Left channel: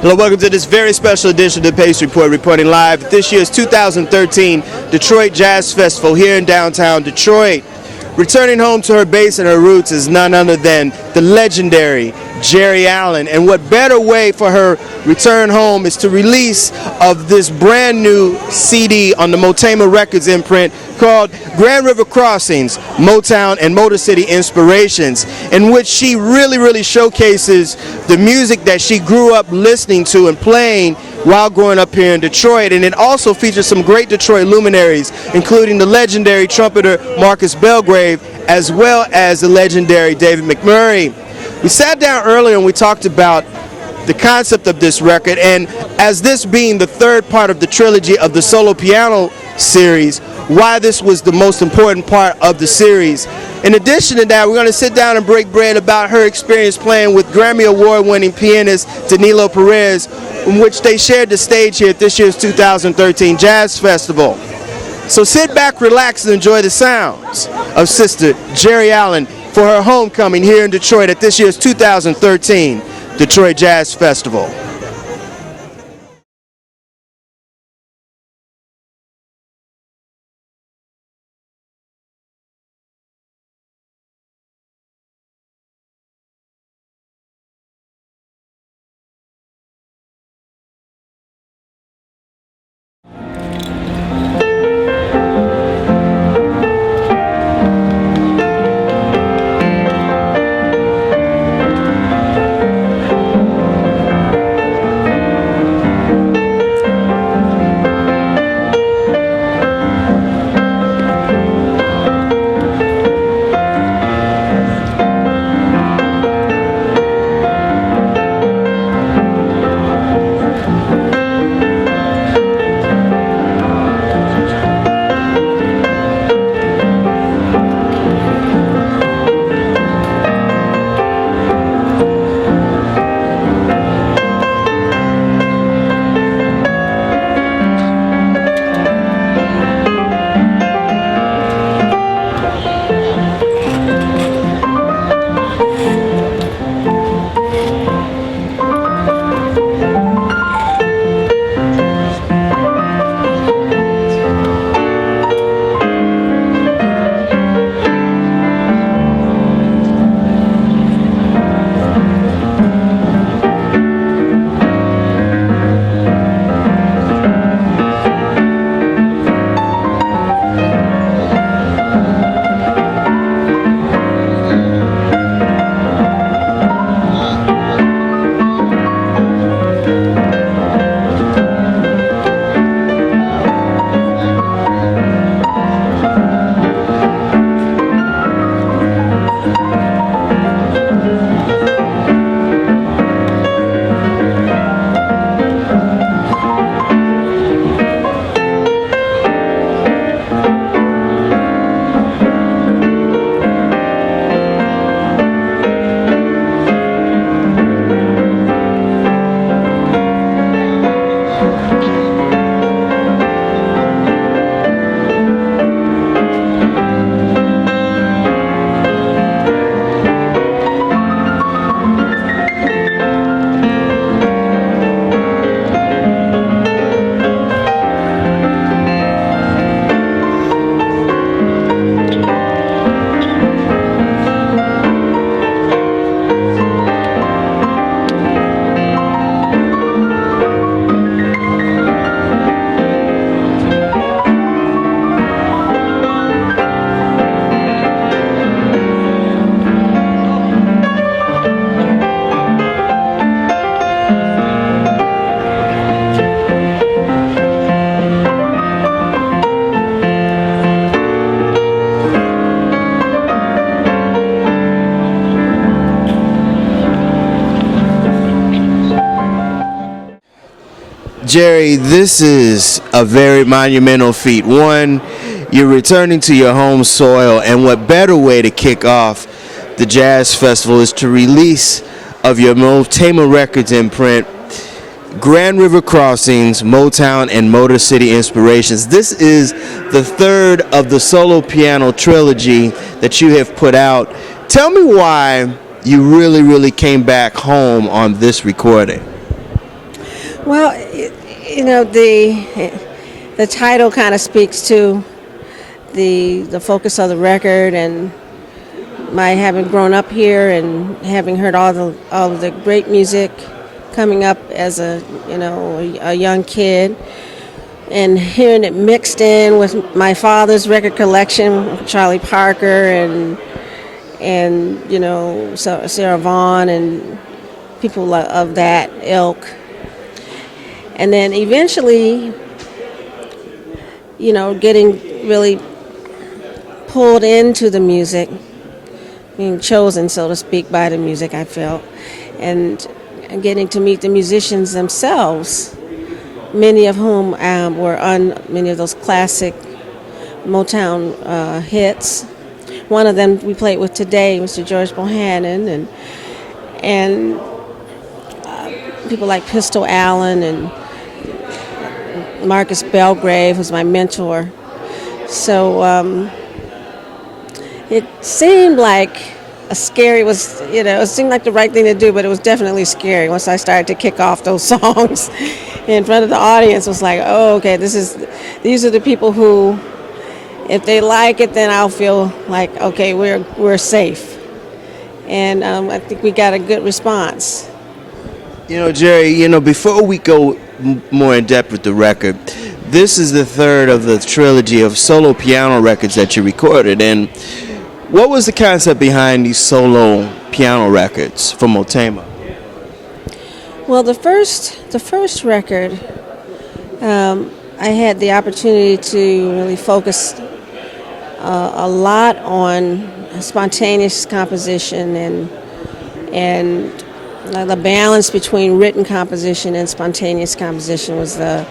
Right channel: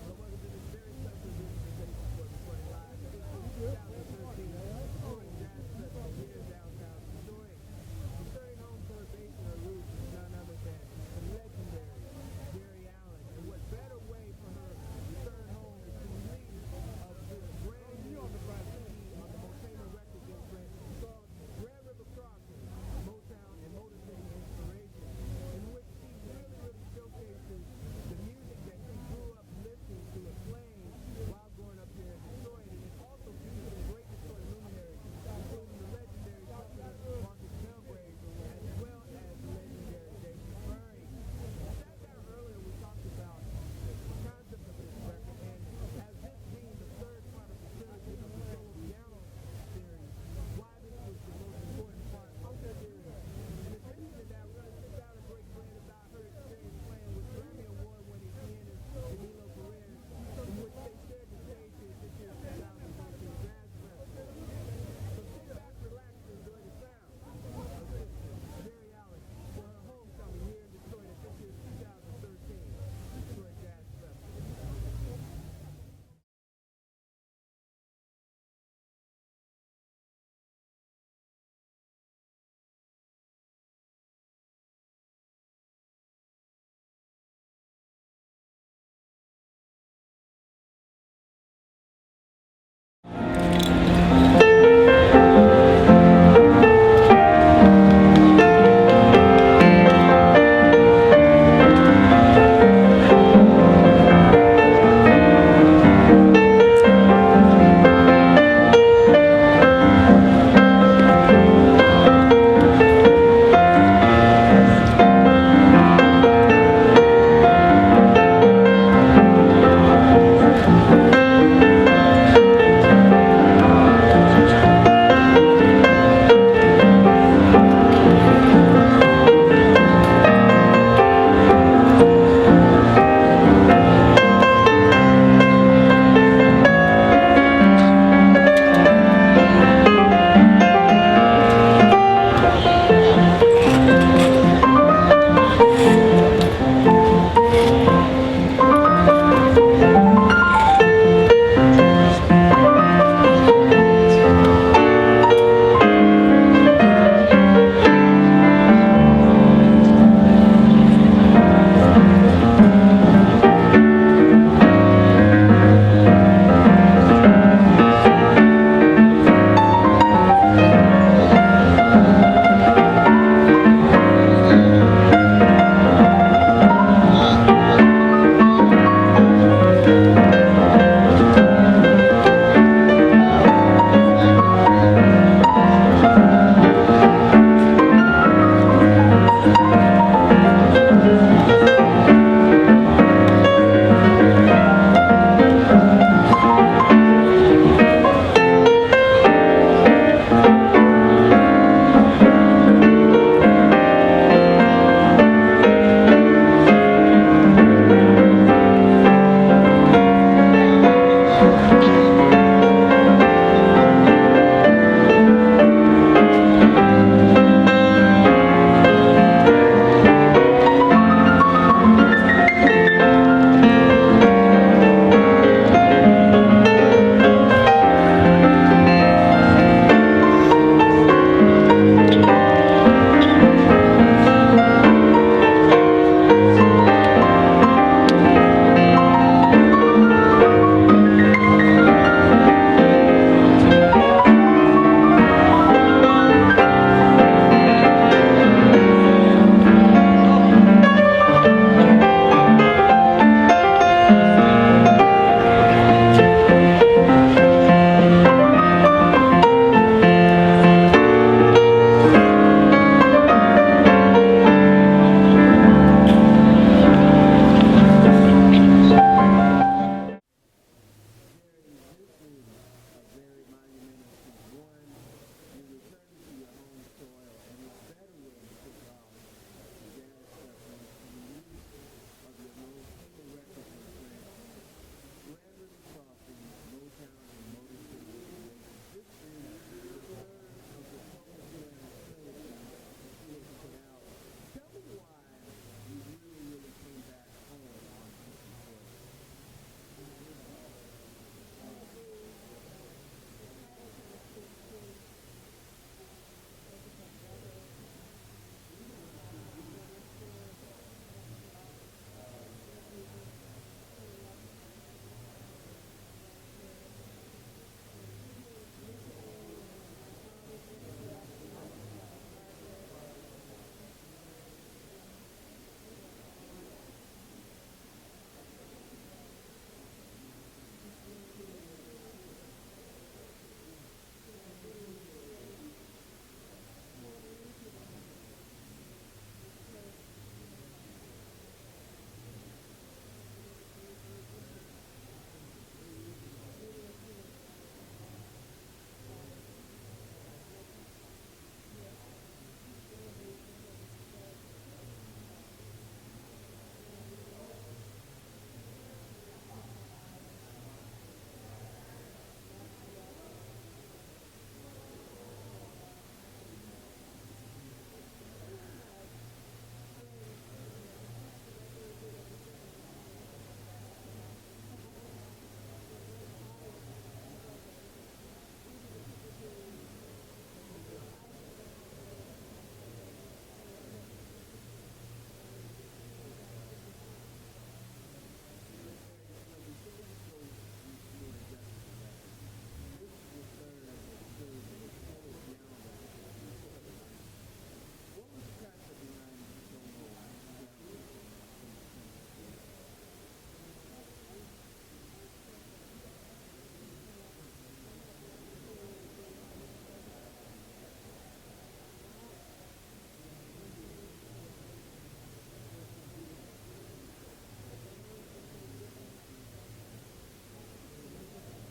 Hello, welcome to this very special edition of the Pace Report, reporting live at this year's 2013 Detroit Jazz Festival here in downtown Detroit. Returning home to her base and her roots is none other than the legendary Geri Allen. And what better way for her return home is to release of this brand new CD on the Motema Records imprint called Grand River Crossings, Motown and Motor City Inspirations, in which she really showcases the music that she grew up listening to and playing while growing up here in Detroit. And it also features some great Detroit luminaries, including the legendary trumpeter Marcus Belgrave, as well as the legendary David McMurray. We sat down earlier and we talked about the concept of this record, and as this being the third part of the trilogy of the solo piano series, why this was the most important part of the series. In addition to that, we're going to sit down and break bread about her experience playing with Grammy Award-winning pianist Danilo Perez, in which they shared the stage here at this year's 2013 Jazz Festival. So sit back, relax, and enjoy the sounds of Sister Geri Allen for her homecoming here in Detroit at this year's 2013 Detroit Jazz Festival. Geri, this is a very monumental feat. One, you're returning to your home soil, and what better way to kick off the Jazz Festival is to release of your Motema Records imprint, Grand River Crossings, Motown and Motor City Inspirations. This is the third of the solo piano trilogy that you have put out. Tell me why you really came back home on this recording. Well, the title kind of speaks to the focus of the record, and my having grown up here and having heard all of the great music coming up as a young kid, and hearing it mixed in with my father's record collection, Charlie Parker and Sarah Vaughan and people of that ilk. And then eventually, getting really pulled into the music, being chosen, so to speak, by the music, I felt, and getting to meet the musicians themselves, many of whom were on many of those classic Motown hits. One of them we played with today, Mr. George Bohannon, and people like Pistol Allen and Marcus Belgrave, who's my mentor. So it seemed like it seemed like the right thing to do, but it was definitely scary once I started to kick off those songs in front of the audience. It was like, oh, okay, these are the people who, if they like it, then I'll feel like, okay, we're safe. And I think we got a good response. Geri, before we go more in depth with the record, this is the third of the trilogy of solo piano records that you recorded. And what was the concept behind these solo piano records for Motema? Well, the first record, I had the opportunity to really focus a lot on spontaneous composition and the balance between written composition and spontaneous composition was the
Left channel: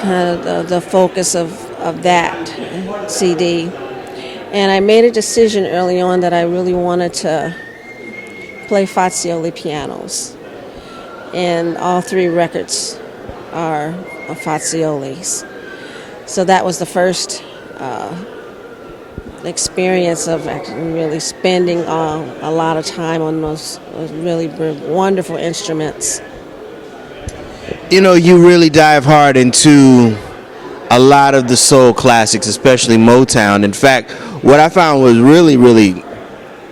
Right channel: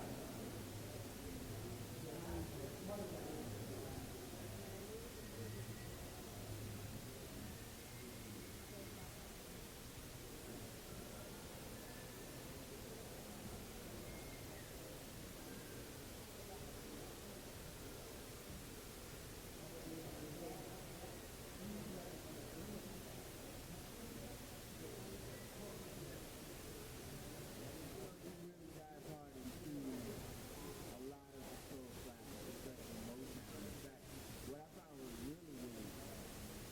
kind of the focus of that CD. And I made a decision early on that I really wanted to play Versatility pianos. And all three records are Versatilis. So that was the first experience of actually really spending a lot of time on those really wonderful instruments. You really dive hard into a lot of the soul classics, especially Motown. In fact, what I found was really, really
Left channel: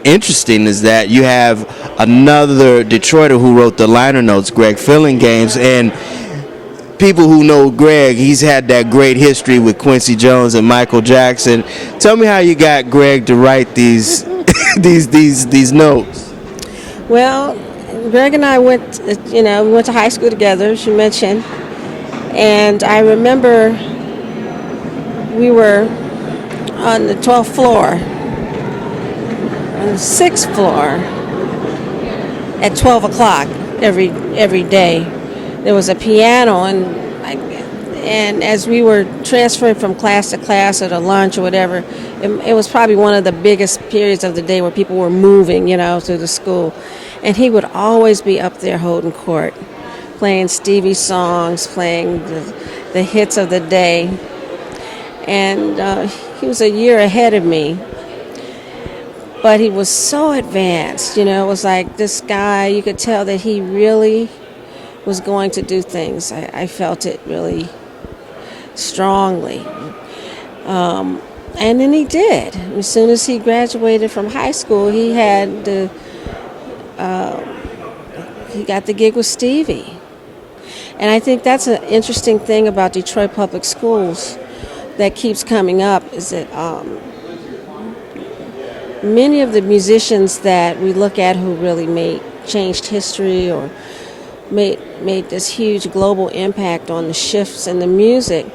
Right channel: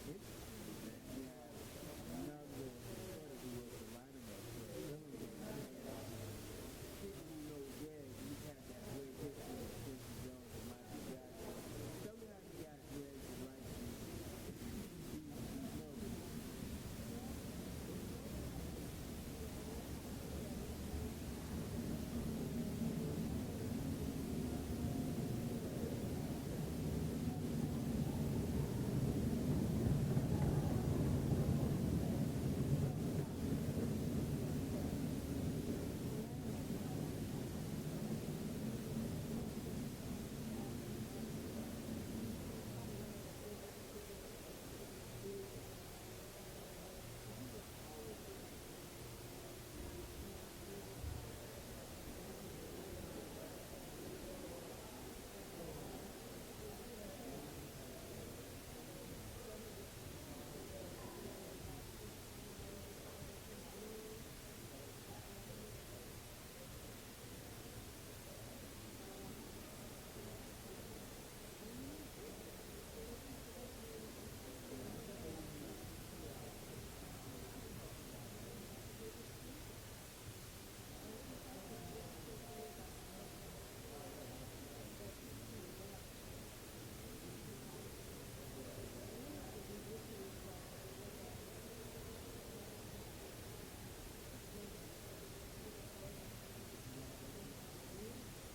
interesting is that you have another Detroiter who wrote the liner notes, Greg Fillingames, and people who know Greg, he's had that great history with Quincy Jones and Michael Jackson. Tell me how you got Greg to write these these notes. Well, Greg and I went to high school together, as you mentioned, and I remember we were on the 12th floor, on the 6th floor, at 12 o'clock every day. There was a piano, and as we were transferring from class to class or to lunch or whatever, it was probably one of the biggest periods of the day where people were moving, through the school. And he would always be up there holding court, playing Stevie songs, playing the hits of the day. And he was a year ahead of me. But he was so advanced, it was like this guy, you could tell that he really was going to do things. I felt it really strongly. And then he did. As soon as he graduated from high school, he got the gig with Stevie. And I think that's an interesting thing about Detroit Public Schools that keeps coming up, is that many of the musicians that we look at who really changed history or made this huge global impact on the shifts in the music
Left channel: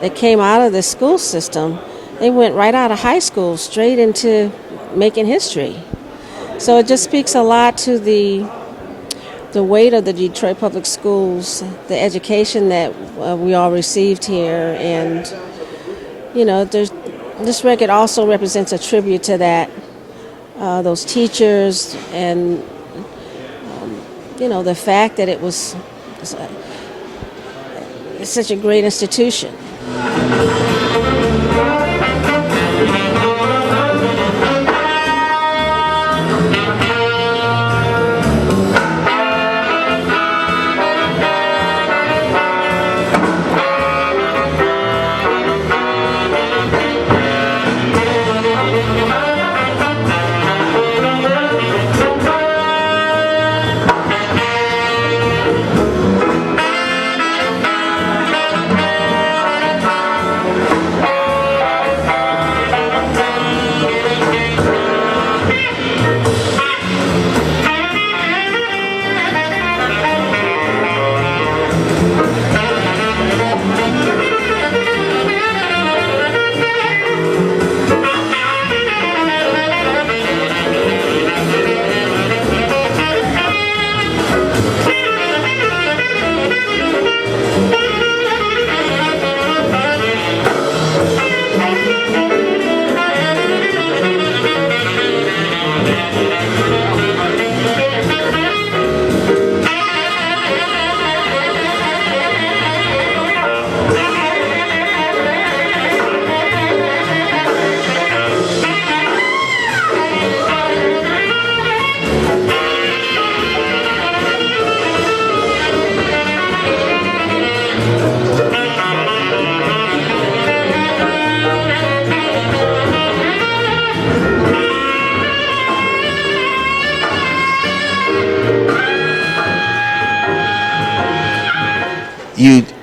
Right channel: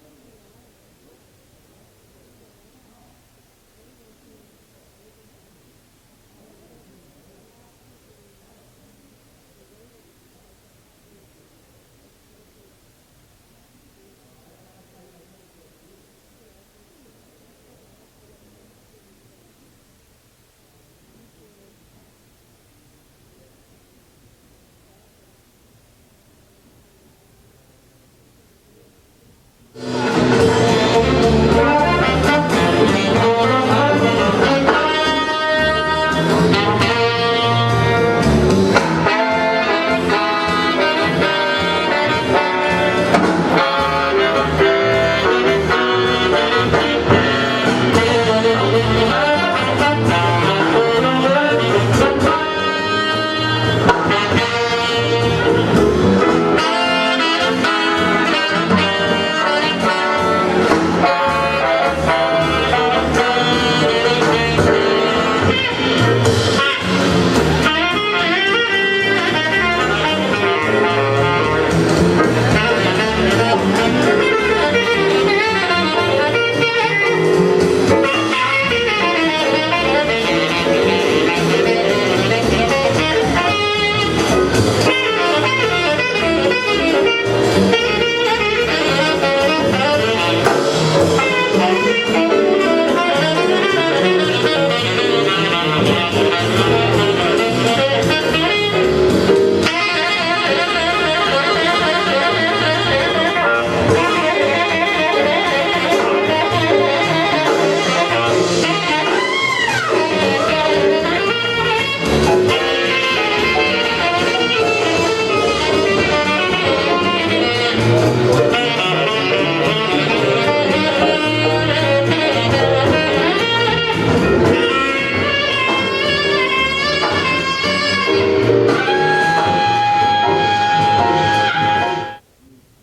that came out of the school system, they went right out of high school straight into making history. So it just speaks a lot to the weight of the Detroit Public Schools, the education that we all received here, and this record also represents a tribute to that, those teachers, and the fact that it's such a great institution.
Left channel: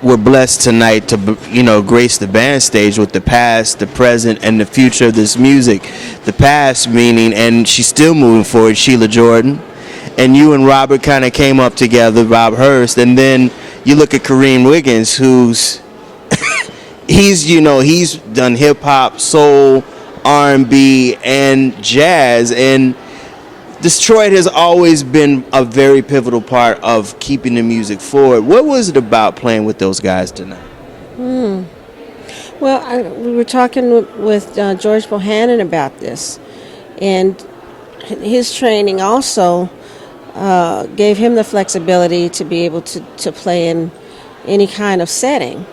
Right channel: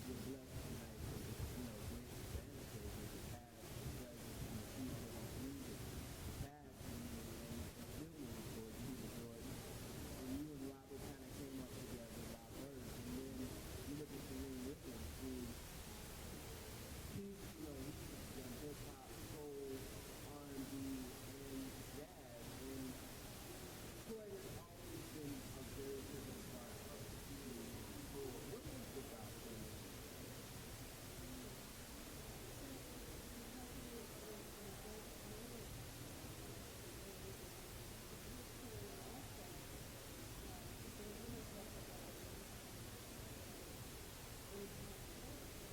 we're blessed tonight to, grace the band stage with the past, the present, and the future of this music. The past meaning, and she's still moving forward, Sheila Jordan. And you and Robert kind of came up together, Rob Hurst. And then you look at Kareem Wiggins, who's, he's done hip hop, soul, R&B, and jazz. And Detroit has always been a very pivotal part of keeping the music forward. What was it about playing with those guys tonight? Well, we were talking with George Bohannon about this, and his training also gave him the flexibility to be able to play in any kind of setting.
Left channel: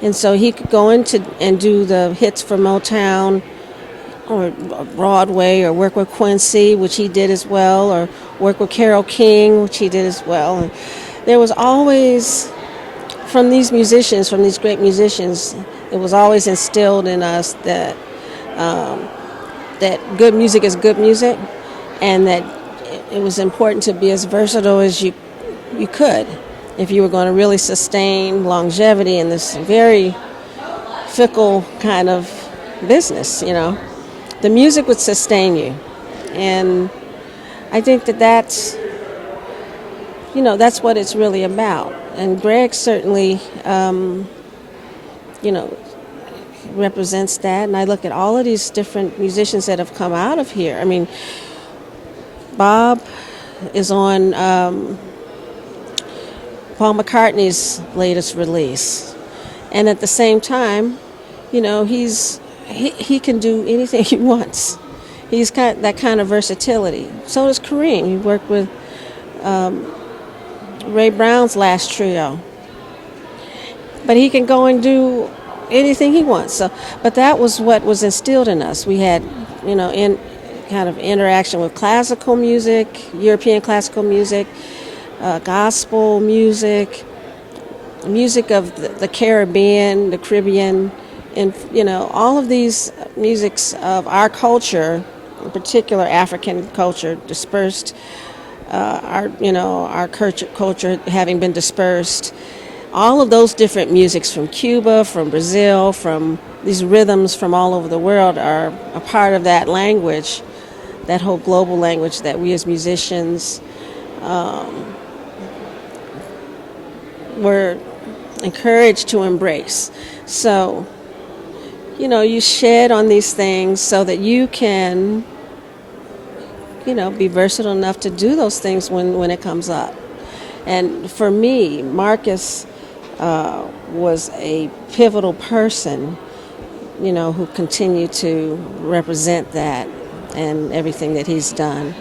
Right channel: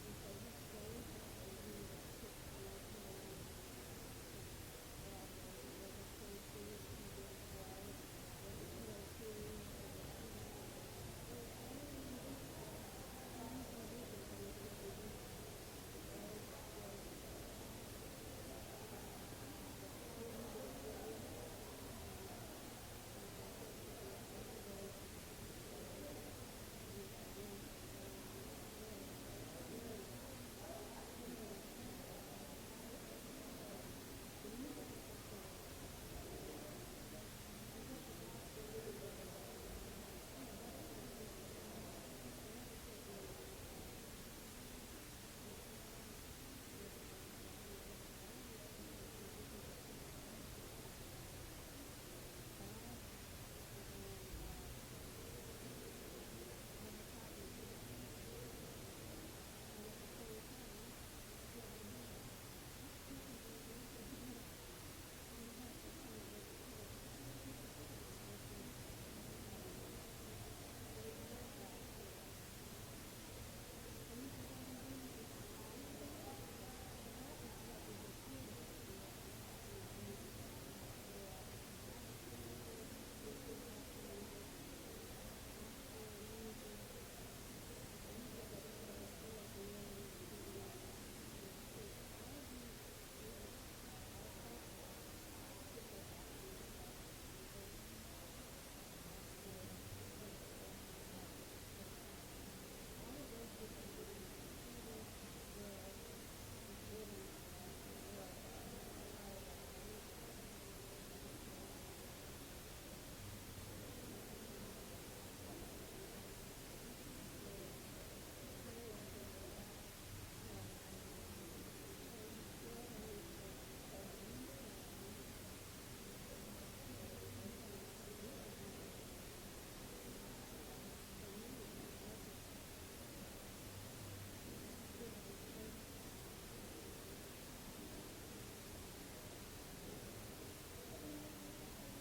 And so he could go into and do the hits for Motown or Broadway, or work with Quincy, which he did as well, or work with Carole King, which he did as well. And there was always, from these great musicians, it was always instilled in us that that good music is good music, and that it was important to be as versatile as you could if you were going to really sustain longevity in this very fickle kind of business, The music would sustain you, and I think that's what it's really about. And Greg certainly, represents that. And I look at all of these different musicians that have come out of here. I mean, Bob is on Paul McCartney's latest release, and at the same time, he can do anything he wants. He's got that kind of versatility. So does Kareem. He worked with Ray Brown's last trio. But he can go and do anything he wants. But that was what was instilled in us. We had, in kind of interaction with classical music, European classical music, gospel music, music of the Caribbean, the Caribbean, and all of these musics of our culture, in particular African culture, dispersed, our culture having been dispersed. All of those different musics from Cuba, from Brazil, from these rhythms from all over the world are a part of that language, that whole global language that we as musicians were encouraged to embrace. So, you shed on these things so that you can, be versatile enough to do those things when it comes up. And for me, Marcus was a pivotal person, who continued to represent that and everything that he's done.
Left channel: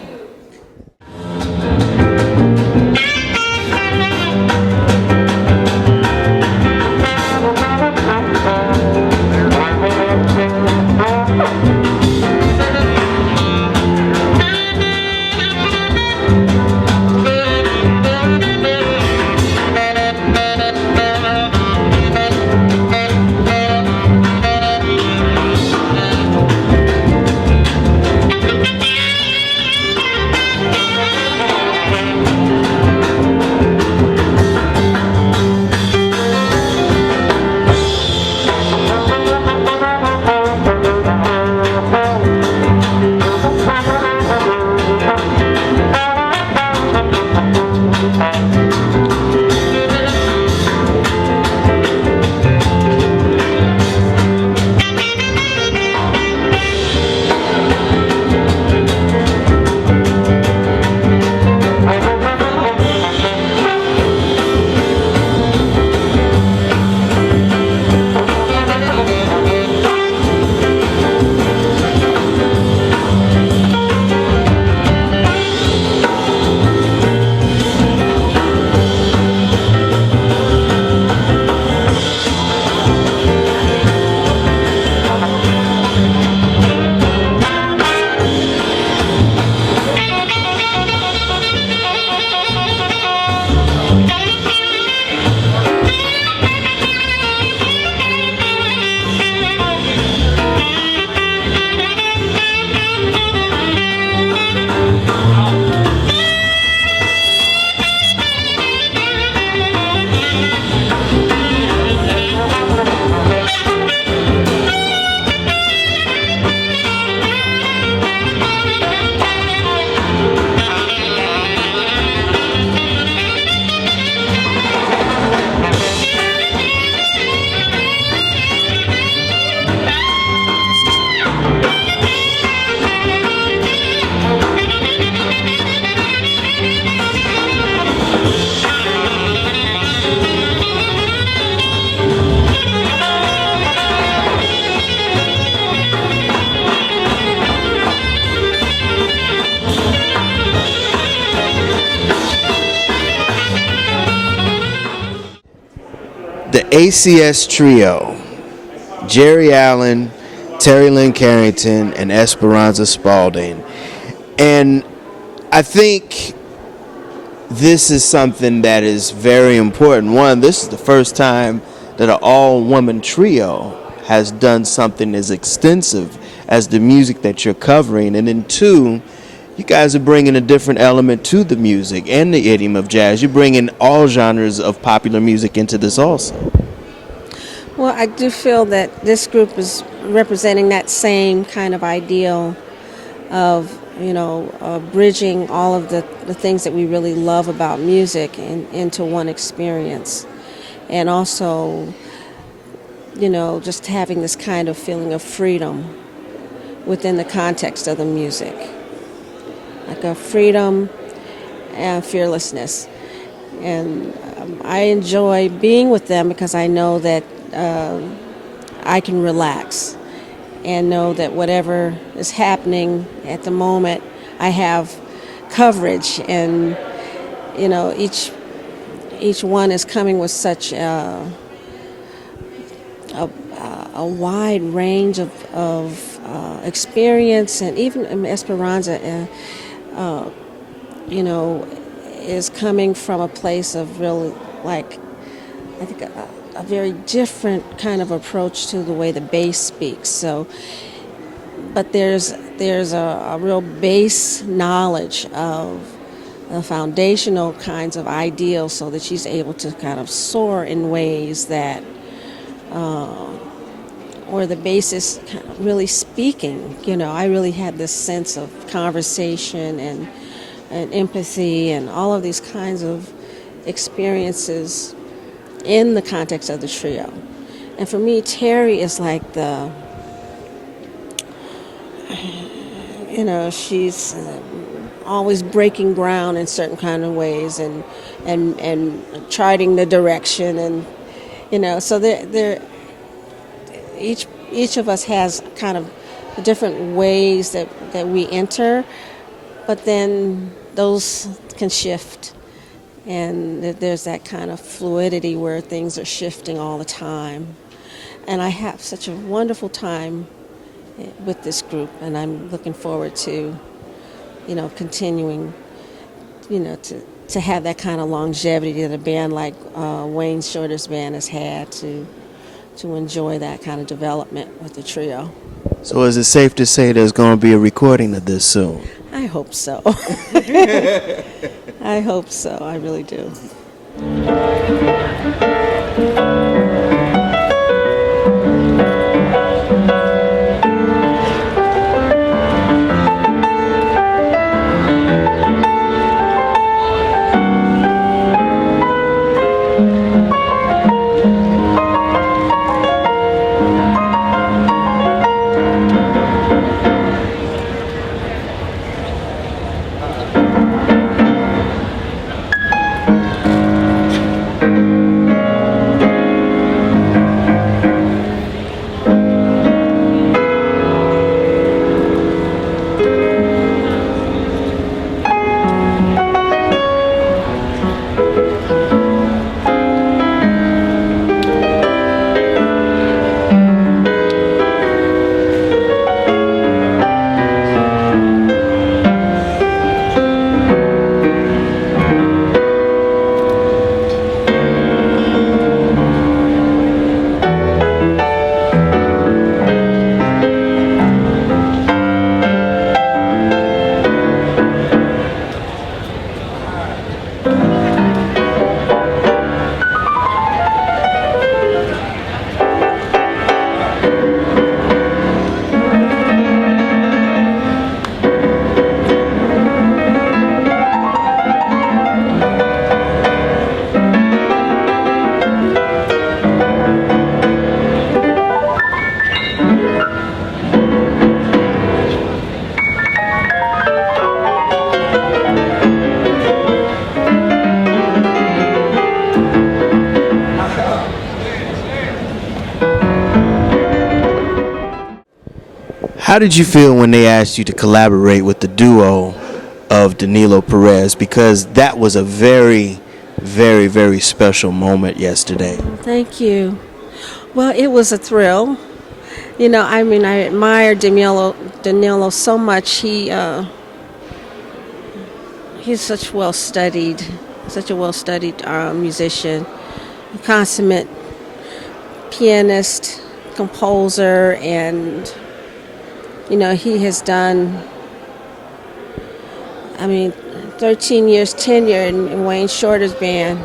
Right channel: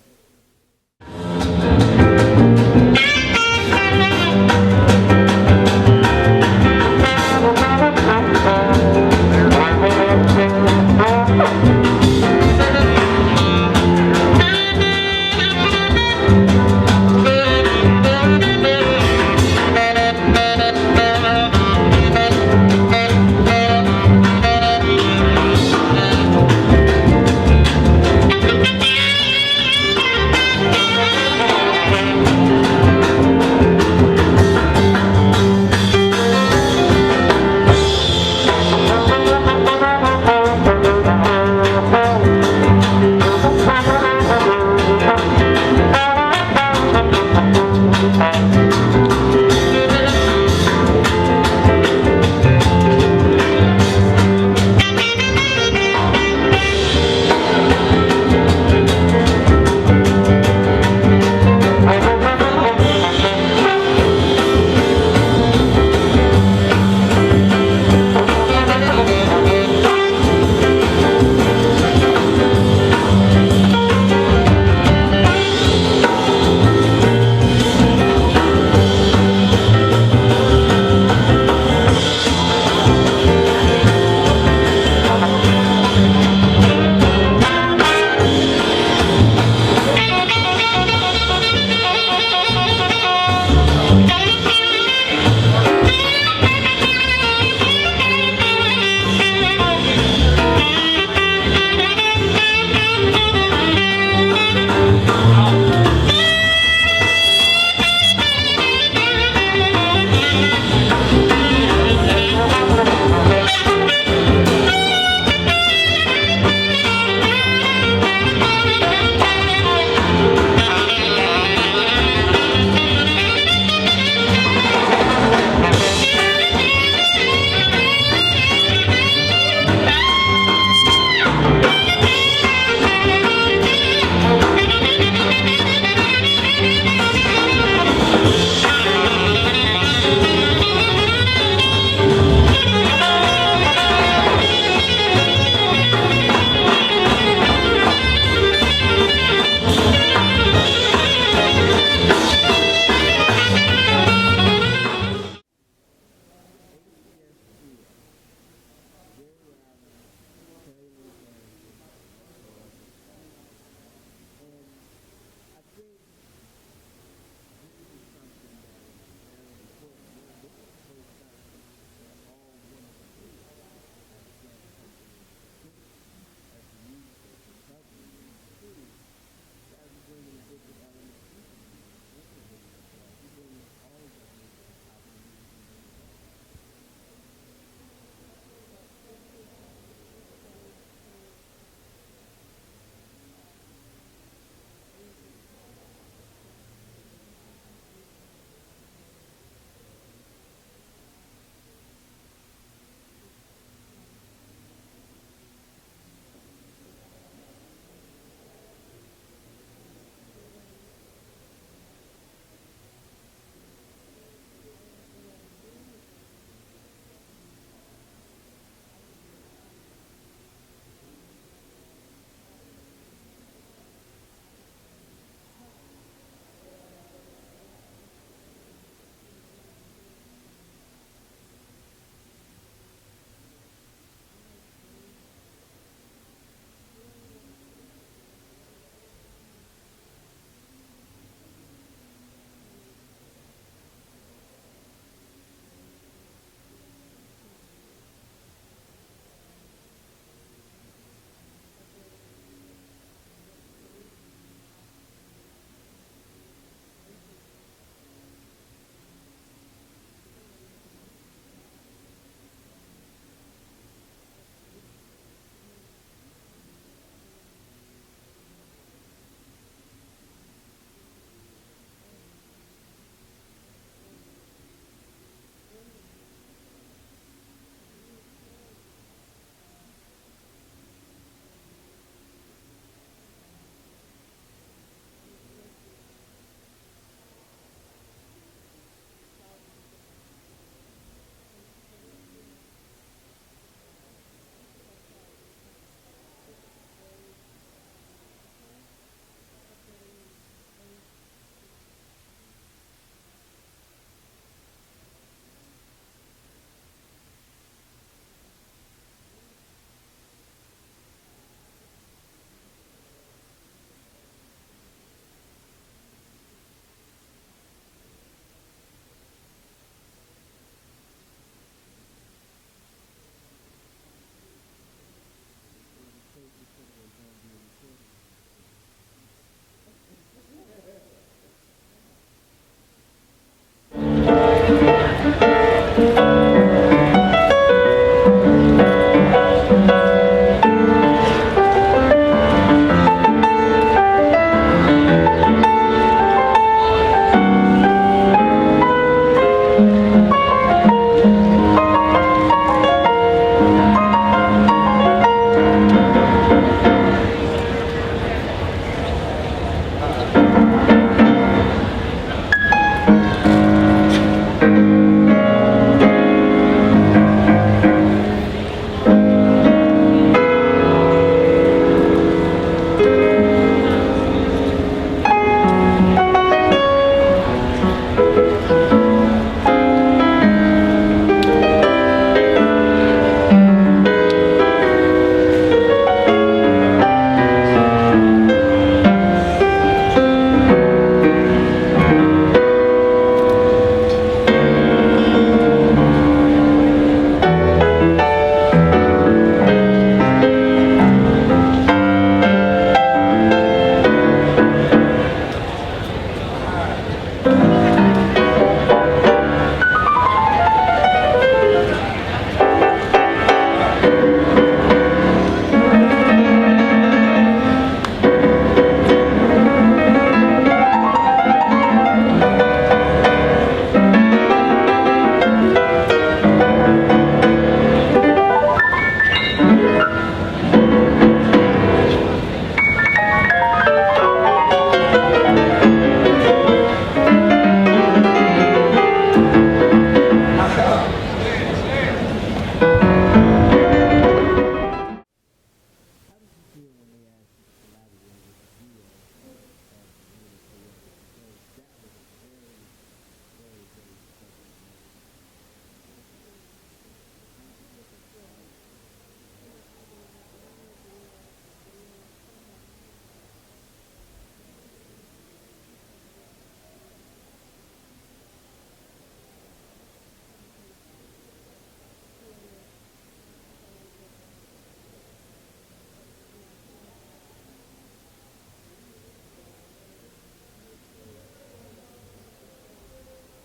The ACS Trio, Geri Allen, Terry Lynn Carrington, and Esperanza Spalding. And I think this is something that is very important. One, this is the first time that an all-woman trio has done something as extensive as the music that you're covering. And then two, you guys are bringing a different element to the music and the idiom of jazz. You're bringing all genres of popular music into this also. Well, I do feel that this group is representing that same kind of ideal of, bridging all of the things that we really love about music into one experience. And also, just having this kind of feeling of freedom within the context of the music. Like a freedom and fearlessness. And I enjoy being with them because I know that I can relax and know that whatever is happening at the moment, I have coverage, and each one is coming with such a wide range of experience, and even Esperanza, is coming from a place of really, I think, a very different kind of approach to the way the bass speaks. So, but there's a real base knowledge of the foundational kinds of ideals, so that she's able to kind of soar in ways that, where the bass is kind of really speaking. I really had this sense of conversation and empathy and all of these kinds of experiences in the context of the trio. And for me, Terry is like she's always breaking ground in certain kind of ways, and charting the direction, and so they're each of us has kind of different ways that we enter, but then those can shift. And there's that kind of fluidity where things are shifting all the time. And I have such a wonderful time with this group, and I'm looking forward to, continuing, to have that kind of longevity that a band like Wayne Shorter's band has had, to enjoy that kind of development with the trio. So is it safe to say there's going to be a recording of this soon? I hope so. I hope so. I really do. How did you feel when they asked you to collaborate with the duo of Danilo Perez? Because that was a very very, very special moment yesterday. Thank you. Well, it was a thrill. You know, I mean, I admire Danilo so much. He's such a well-studied musician, a consummate pianist, composer, and you know, he has done, I mean, 13 years tenure in Wayne Shorter's band.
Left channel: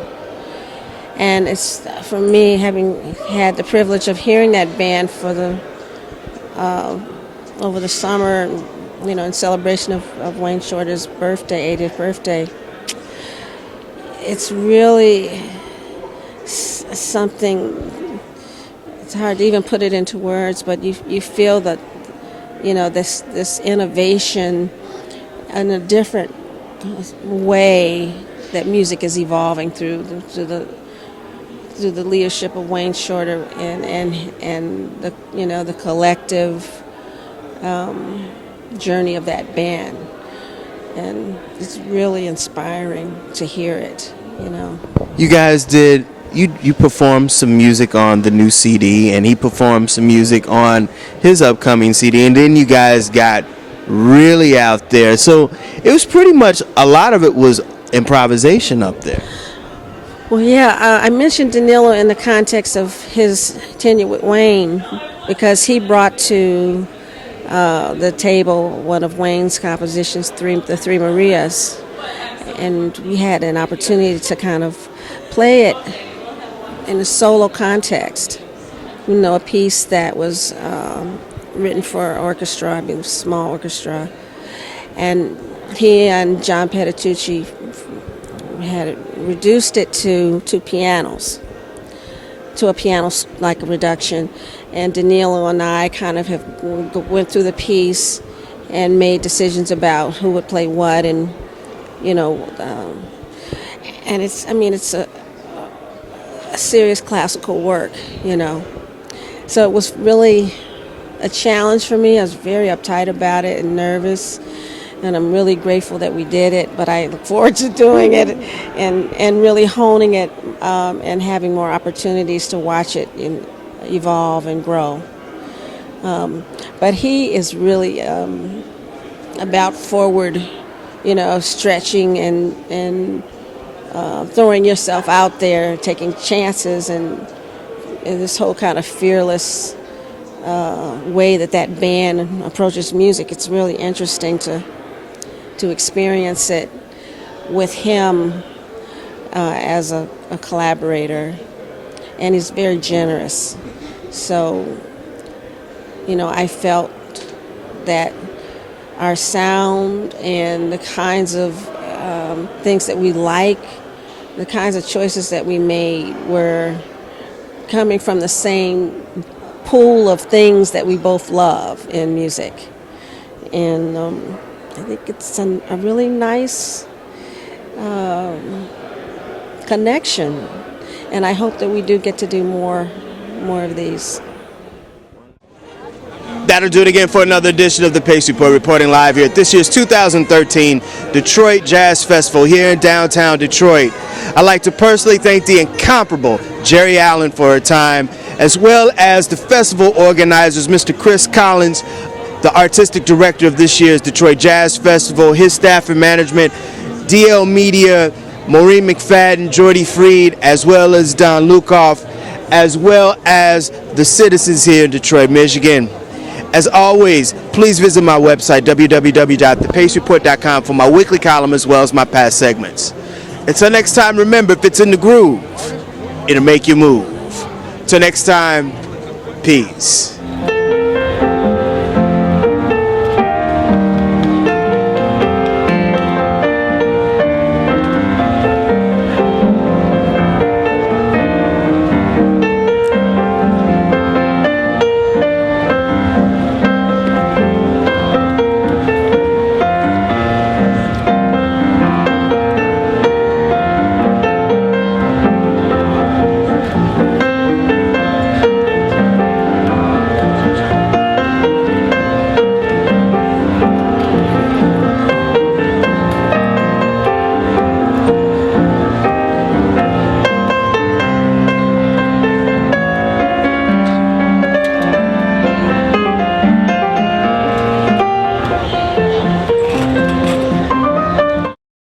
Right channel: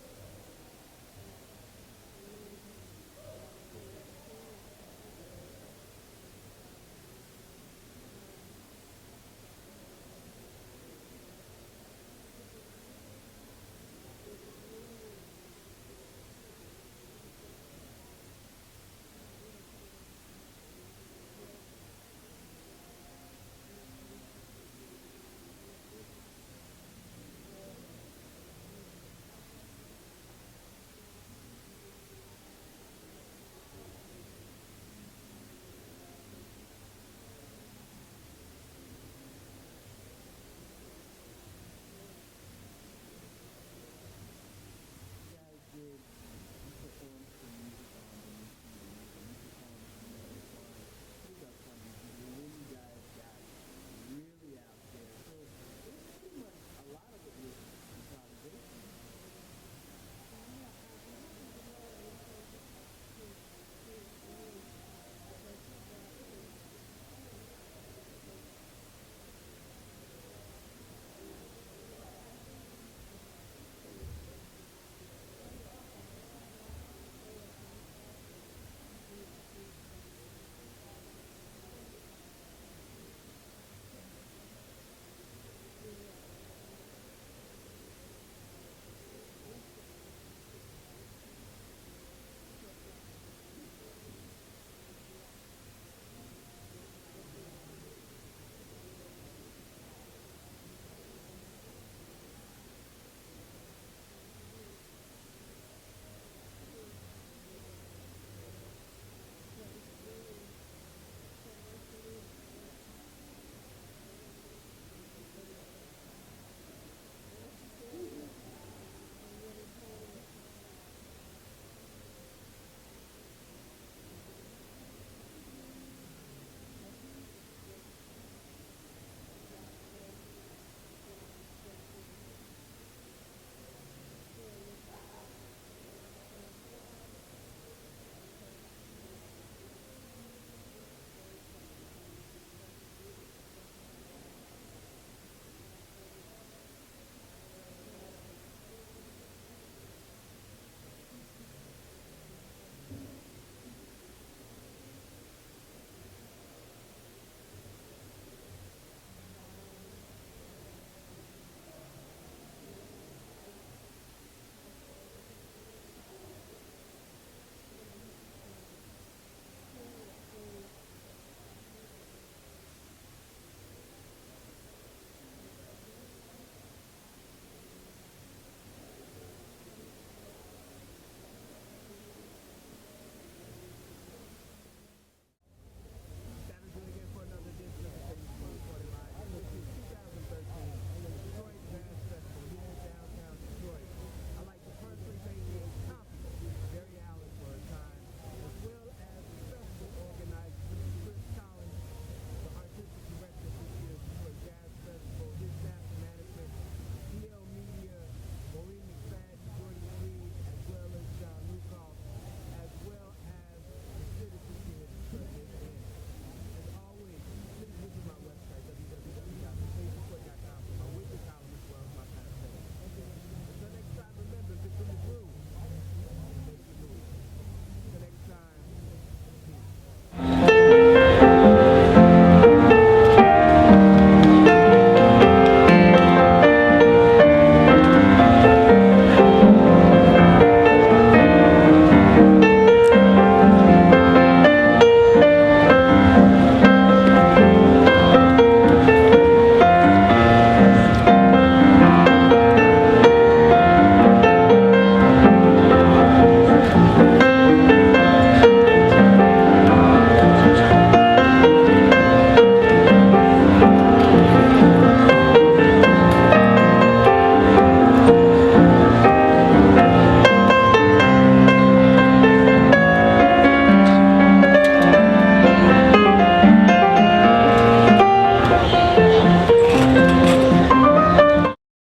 And it's, for me, having had the privilege of hearing that band for over the summer, you know, in celebration of Wayne Shorter's birthday, 80th birthday, it's really something. It's hard to even put it into words, but you feel that, you know, this innovation in a different way that music is evolving through the leadership of Wayne Shorter and the, you know, the collective journey of that band, and it's really inspiring to hear it. You know, You guys did. You performed some music on the new CD, and he performed some music on his upcoming CD, and then you guys got really out there. So it was pretty much, a lot of it was improvisation up there. well, yeah, I mentioned Danilo in the context of his tenure with Wayne because he brought to the table one of Wayne's compositions, the Three Marias, and we had an opportunity to kind of play it in a solo context. You know, a piece that was written for orchestra, I mean, small orchestra, and he and John Petitucci had reduced it to two pianos, to a piano-like reduction, and Danilo and I kind of went through the piece and made decisions about who would play what, and you know, and it's a serious classical work, you know. So it was really a challenge for me. I was very uptight about it and nervous, and I'm really grateful that we did it, but I look forward to doing it and really honing it and having more opportunities to watch it evolve and grow. But he is really about forward, you know, stretching and throwing yourself out there, taking chances, and this whole kind of fearless way that band approaches music. It's really interesting to experience it with him as a collaborator, and he's very generous. So, you know, I felt that our sound and the kinds of things that we like, the kinds of choices that we made were coming from the same pool of things that we both love in music. And I think it's a really nice connection. And I hope that we do get to do more of these. That'll do it again for another edition of the Pace Report, reporting live here at this year's 2013 Detroit Jazz Festival here in downtown Detroit. I'd like to personally thank the incomparable Geri Allen for her time, as well as the festival organizers, Mr. Chris Collins, the artistic director of this year's Detroit Jazz Festival, his staff and management, DL Media, Maureen McFadden, Jordy Freed, as well as Don Lukoff, as well as the citizens here in Detroit, Michigan. As always, please visit my website, www.thepacereport.com, for my weekly column as well as my past segments. Until next time, remember, if it's in the groove, it'll make you move. Till next time, peace.